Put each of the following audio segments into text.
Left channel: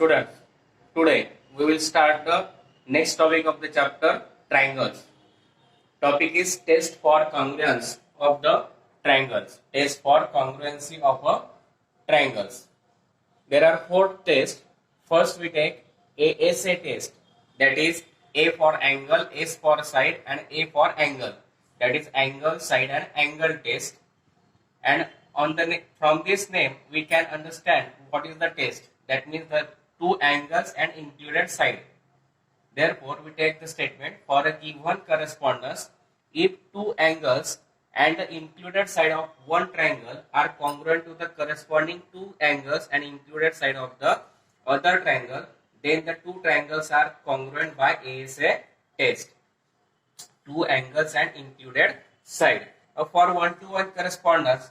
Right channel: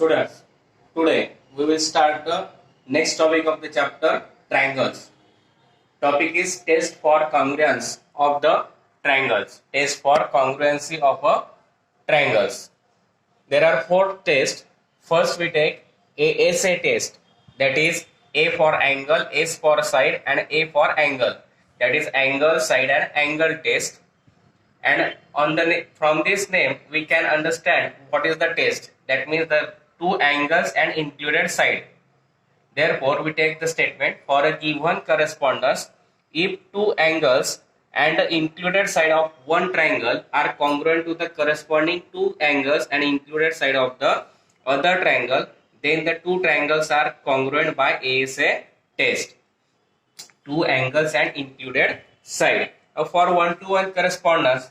Students, today we will start the next topic of the chapter, triangles. Topic is test for congruence of the triangles. Test for congruency of a triangles. There are four tests. First we take ASA test, that is A for angle, S for side and A for angle, that is angle, side and angle test. And from this name we can understand what is the test. That means the two angles and included side. Therefore we take the statement, for a given correspondence, if two angles and the included side of one triangle are congruent to the corresponding two angles and included side of the other triangle, then the two triangles are congruent by ASA test. Two angles and included side. For one-to-one correspondence,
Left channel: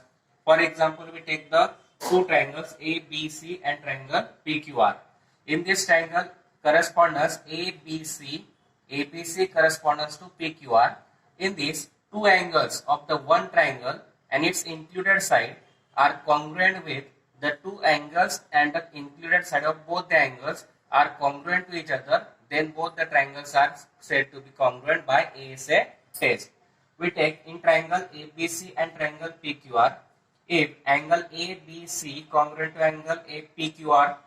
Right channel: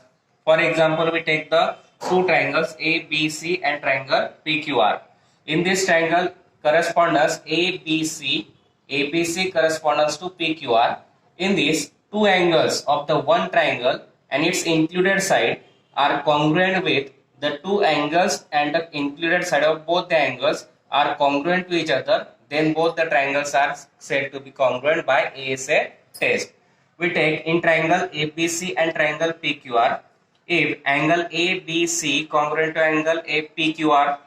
for example, we take the two triangles ABC and triangle PQR. In this triangle correspondence ABC corresponds to PQR. In this, two angles of the one triangle and its included side are congruent with the two angles, and the included side of both the angles are congruent to each other, then both the triangles are said to be congruent by ASA test. We take in triangle ABC and triangle PQR, if angle ABC congruent to angle PQR,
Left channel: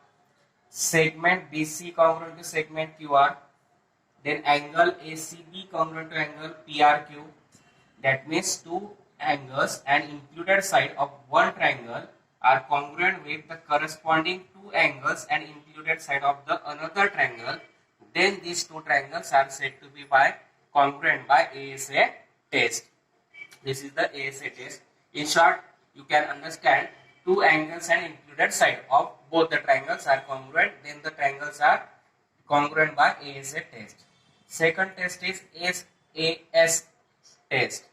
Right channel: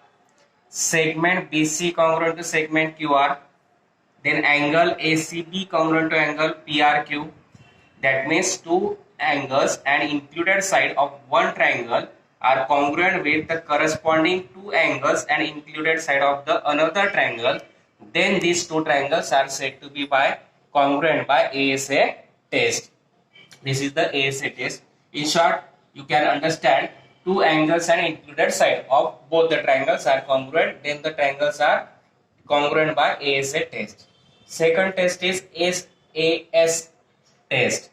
segment BC congruent to segment QR, then angle ACB congruent to angle PRQ, that means two angles and included side of one triangle are congruent with the corresponding two angles and included side of the another triangle, then these two triangles are said to be congruent by ASA test. This is the ASA test. In short, you can understand two angles and included side of both the triangles are congruent, then the triangles are congruent by ASA test. Second test is SAS test,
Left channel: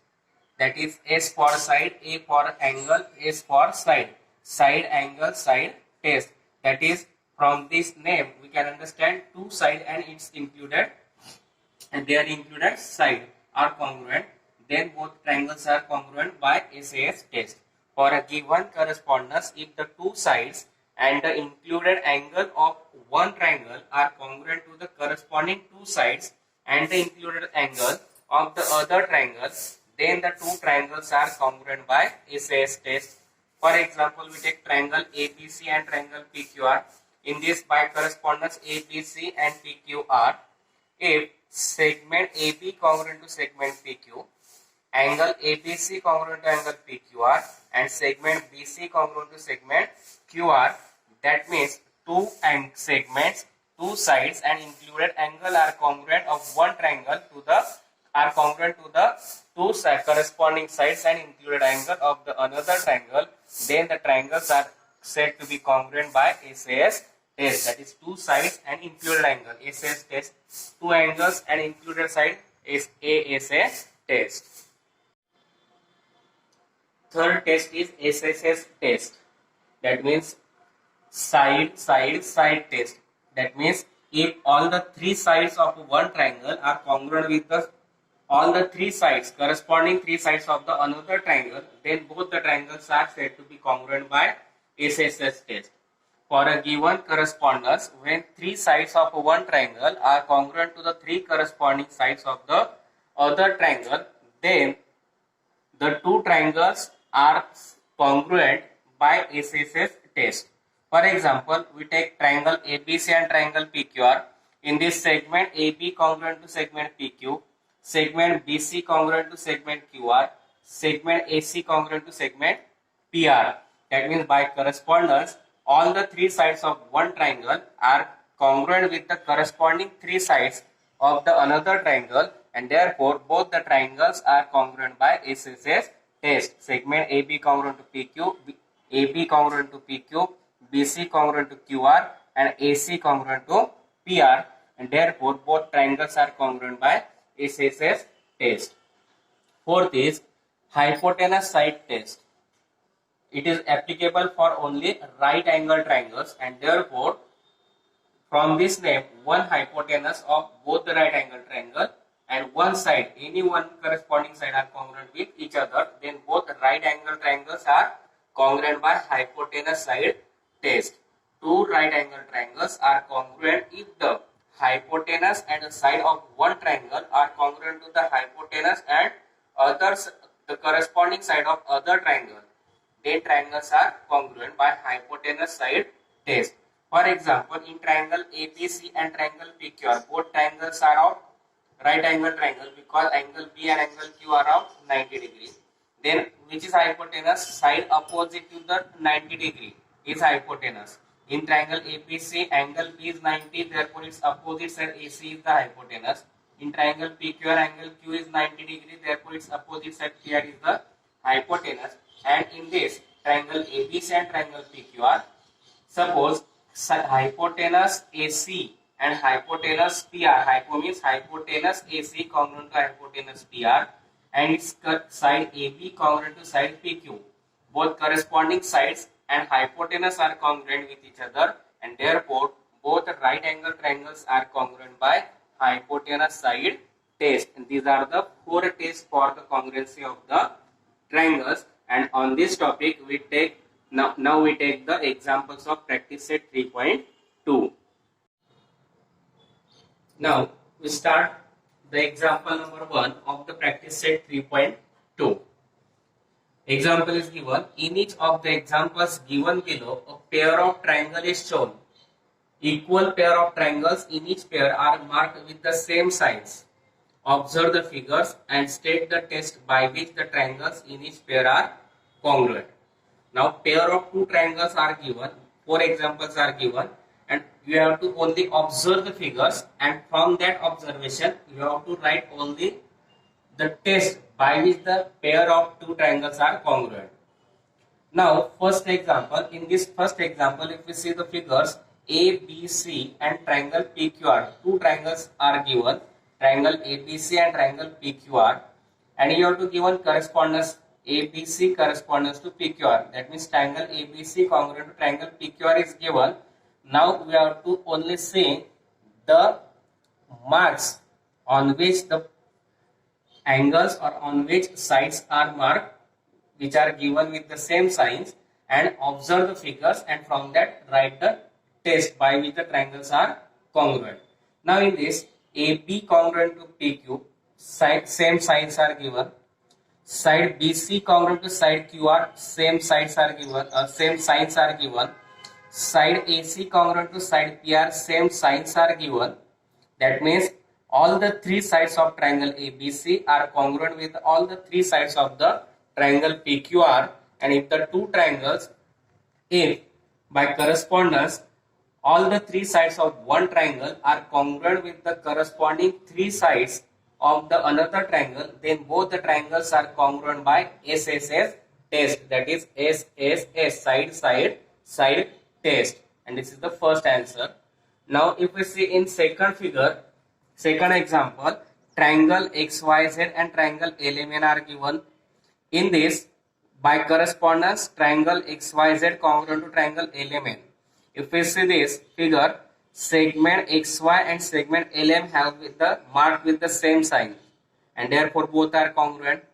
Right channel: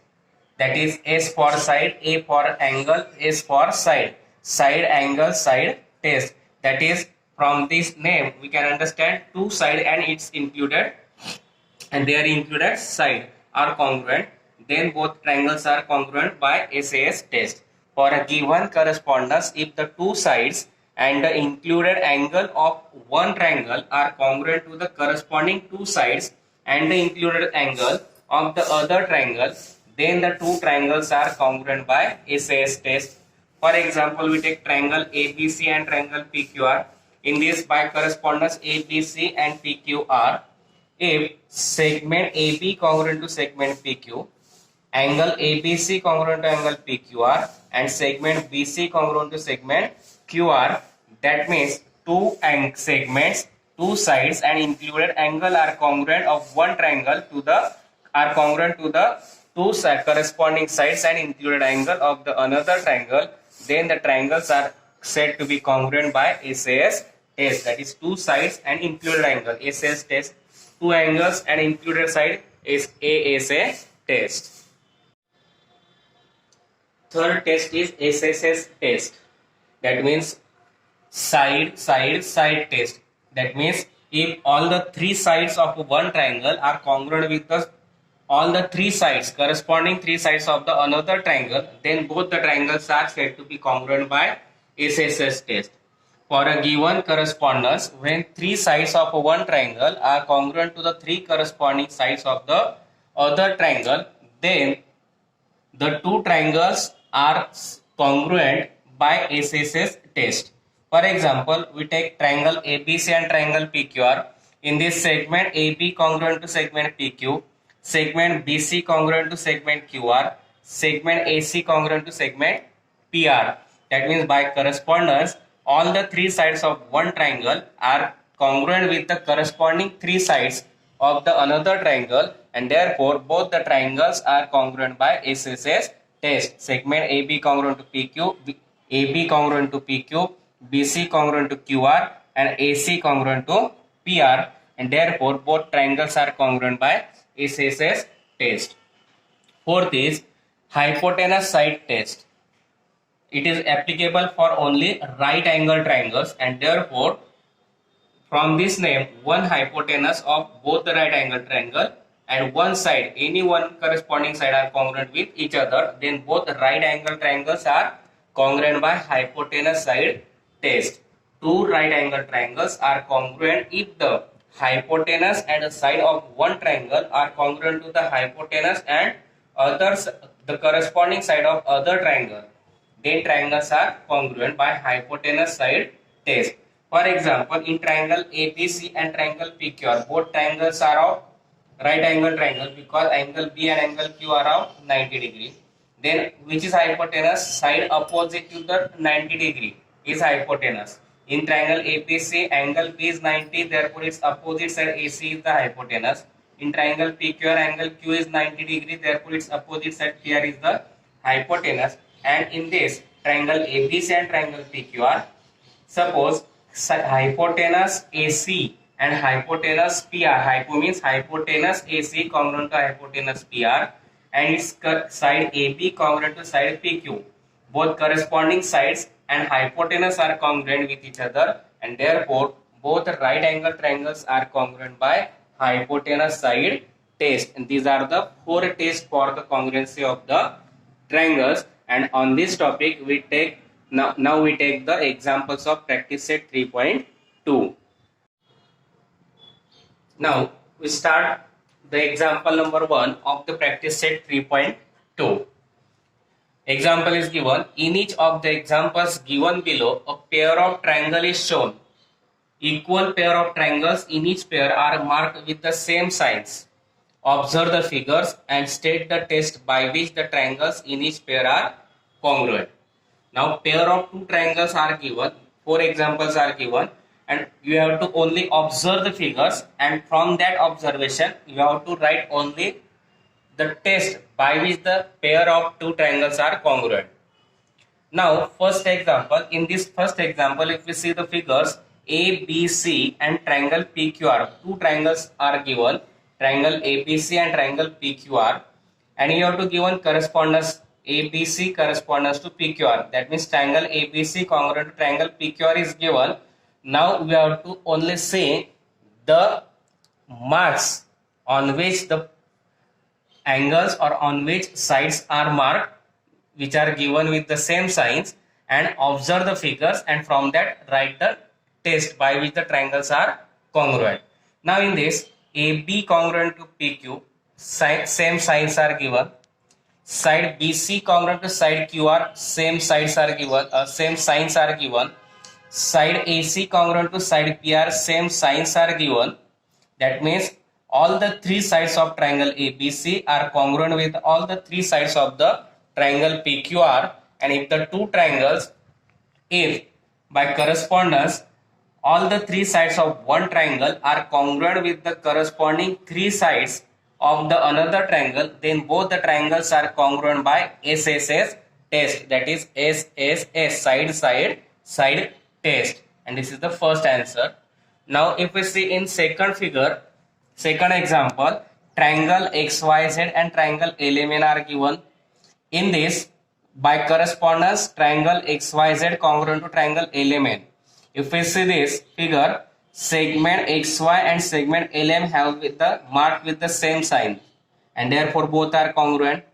that is S for side, A for angle, S for side, side angle side test. That is, from this name we can understand two side and its included and their included side are congruent, then both triangles are congruent by SAS test. For a given correspondence, if the two sides and the included angle of one triangle are congruent to the corresponding two sides and the included angle of the other triangle, then the two triangles are congruent by SAS test. For example, we take triangle ABC and triangle PQR. In this, by correspondence ABC and PQR, if segment AB congruent to segment PQ, angle ABC congruent to angle PQR, and segment BC congruent to segment QR, that means two segments, two sides and included angle are congruent of one triangle to the two corresponding sides and included angle of the another triangle, then the triangles are said to be congruent by SAS test. That is, two sides and included angle, SAS test. Two angles and included side is ASA test. Third test is SSS test, that means side test. That means if all the three sides of one triangle are congruent with all the three sides, corresponding three sides of the another triangle, then both the triangles are said to be congruent by SSS test. For a given correspondence, when three sides of one triangle are congruent to the three corresponding sides of the other triangle, then the two triangles are congruent by SSS test. For example, we take triangle ABC and triangle PQR. In this, segment AB congruent to segment PQ, segment BC congruent to segment QR, segment AC congruent to segment PR. That means by correspondence, all the three sides of one triangle are congruent with the corresponding three sides of the another triangle, and therefore both the triangles are congruent by SSS test. Segment AB congruent to PQ, AB congruent to PQ, BC congruent to QR, and AC congruent to PR, and therefore both triangles are congruent by SSS test. Fourth is hypotenuse side test. It is applicable for only right angle triangles, and therefore from this name, one hypotenuse of both the right angle triangle and one side, any one corresponding side are congruent with each other, then both right angle triangles are congruent by hypotenuse side test. two right angle triangles are congruent if the hypotenuse and the side of one triangle are congruent to the hypotenuse and others the corresponding side of other triangle. Then triangles are congruent by hypotenuse side test. For example, in triangle ABC and triangle PQR, both triangles are of right angle triangle because angle B and angle Q are of 90 degree. Then which is hypotenuse? Side opposite to the 90 degree is hypotenuse. In triangle ABC, angle B is 90, therefore its opposite side AC is the hypotenuse. In triangle PQR, angle Q is 90 degree, therefore its opposite side PR is the hypotenuse. And in this triangle ABC and triangle PQR, suppose hypotenuse AC and hypotenuse PR. Hypo means hypotenuse AC congruent to hypotenuse PR and its side AB congruent to side PQ. Both corresponding sides and hypotenuse are congruent with each other and therefore both right angle triangles are congruent by hypotenuse side test. And these are the four tests for the congruency of the triangles. And on this topic we take now we take the examples of practice set 3.2. Now we start the example number 1 of the practice set 3.2. Example is given. In each of the examples given below, a pair of triangle is shown. Equal pair of triangles in each pair are marked with the same signs. Observe the figures and state the test by which the triangles in each pair are congruent. Now pair of two triangles are given, four examples are given, and you have to only observe the figures, and from that observation you have to write only the test by which the pair of two triangles are congruent. Now first example, in this first example if we see the figures ABC and triangle PQR, two triangles are given, triangle ABC and triangle PQR, and you have to given correspondence ABC correspondence to PQR. That means triangle ABC congruent to triangle PQR is given. Now we have to only say the marks on which the angles or on which sides are marked, which are given with the same signs, and observe the figures, and from that write the test by which the triangles are congruent. Now in this AB congruent to PQ, same signs are given. Side BC congruent to side QR, same sides are given, same signs are given. Side AC congruent to side PR, same signs are given. That means all the three sides of triangle ABC are congruent with all the three sides of the triangle PQR, and if the two triangles, if by correspondence all the three sides of one triangle are congruent with the corresponding three sides of the another triangle, then both the triangles are congruent by SSS test, that is SSS, side test, and this is the first answer. Now if we see in second figure, second example, triangle XYZ and triangle LMN are given. In this by correspondence triangle XYZ congruent to triangle LMN. If we see this figure, segment XY and segment LM have with the marked with the same sign, and therefore both are congruent.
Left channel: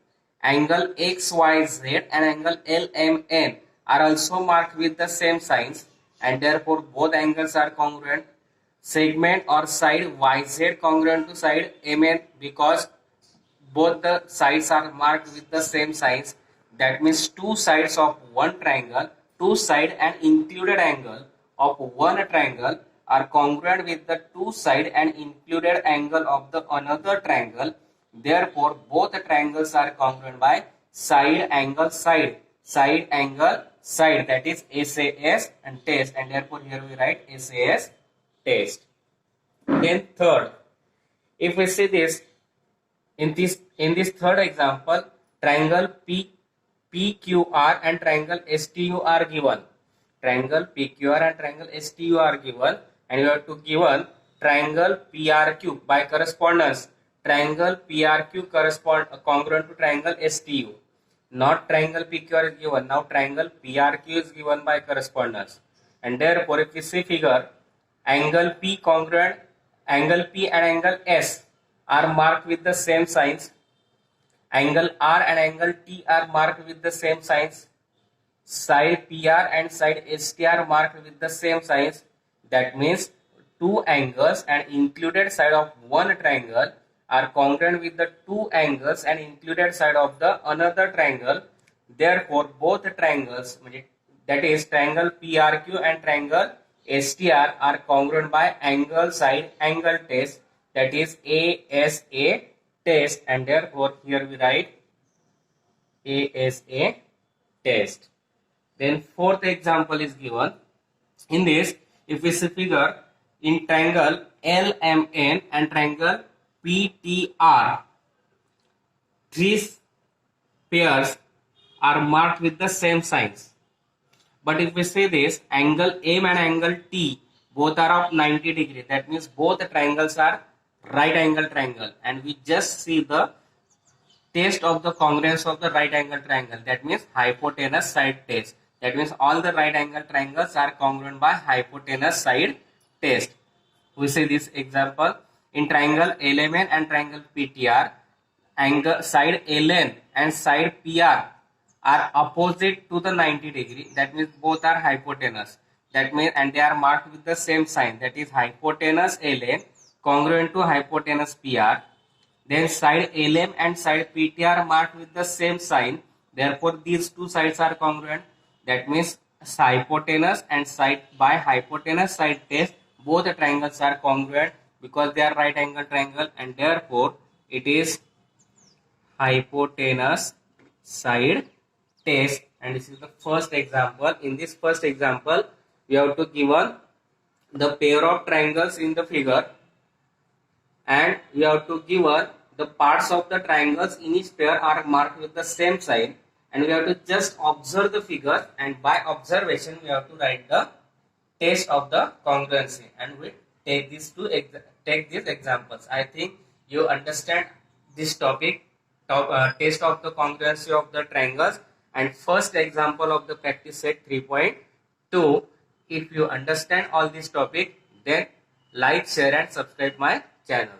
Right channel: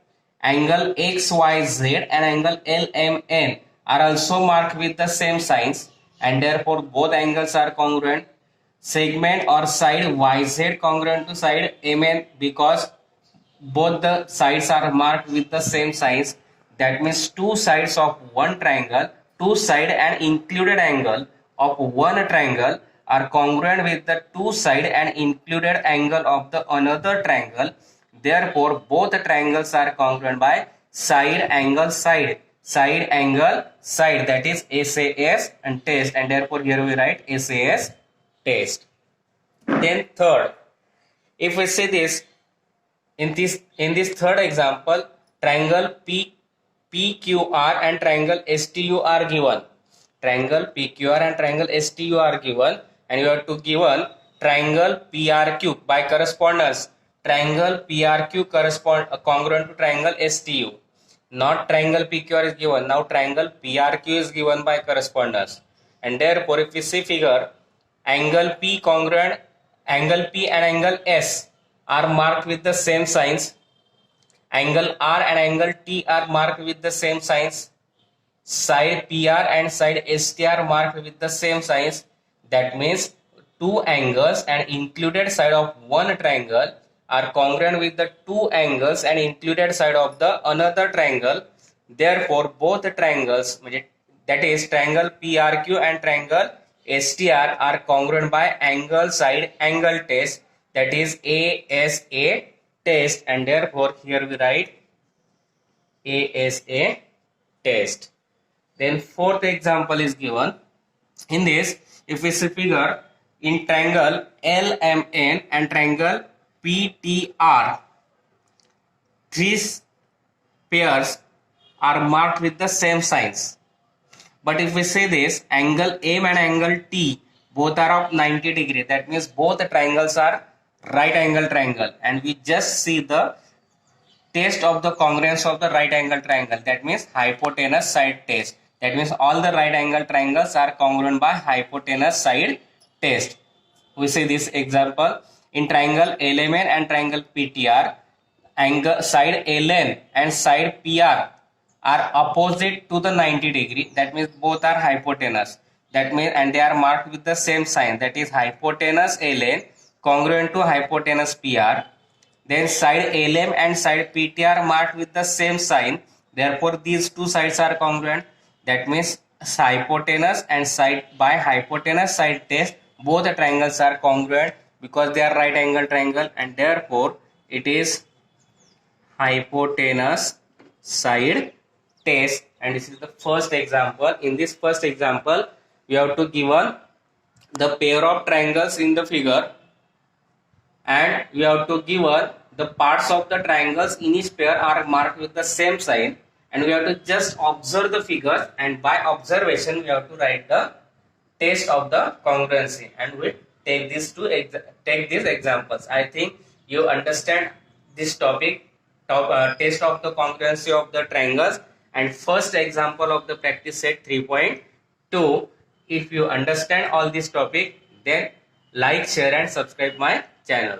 Angle XYZ and angle LMN are also marked with the same signs, and therefore both angles are congruent. Segment or side YZ congruent to side MN because both the sides are marked with the same signs. That means two sides of one triangle, two side and included angle of one triangle are congruent with the two side and included angle of the another triangle. Therefore both triangles are congruent by side angle side, that is SAS and test, and therefore here we write SAS test. Then third, if we see this in this third example, triangle PQR and triangle STU are given. Triangle PQR and triangle STU are given, and you have to given triangle PRQ by correspondence. Triangle PRQ correspond congruent to triangle STU. Not triangle PQR is given. Now triangle PRQ is given by correspondence, and therefore if we see figure, angle P congruent, angle P and angle S are marked with the same signs. Angle R and angle T are marked with the same signs. side PR and side ST are marked with the same signs. That means two angles and included side of one triangle are congruent with the two angles and included side of the another triangle. Therefore, both triangles, that is triangle PRQ and triangle STR, are congruent by angle side angle test, that is ASA test, and therefore here we write ASA test. Then fourth example is given. In this, if we see figure in triangle LMN and triangle PTR, these pairs are marked with the same signs. But if we say this, angle M and angle T both are of 90 degree, that means both triangles are right angle triangle, and we just see the test of the congruence of the right angle triangle, that means hypotenuse side test. That means all the right angle triangles are congruent by hypotenuse side test. We see this example in triangle LMN and triangle PTR, angle side LN and side PR are opposite to the 90 degree, that means both are hypotenuse, that means, and they are marked with the same sign, that is hypotenuse LN congruent to hypotenuse PR. Then side LM and side PT are marked with the same sign, therefore these two sides are congruent, that means hypotenuse and side by hypotenuse side test both the triangles are congruent because they are right angle triangle, and therefore it is hypotenuse side test. And this is the first example. In this first example, we have to given the pair of triangles in the figure, and we have to given the parts of the triangles in each pair are marked with the same sign, and we have to just observe the figure, and by observation we have to write the test of the congruency, and we take these examples. I think you understand this topic, test of the congruency of the triangles and first example of the practice set 3.2. If you understand all this topic, then like, share and subscribe my channel.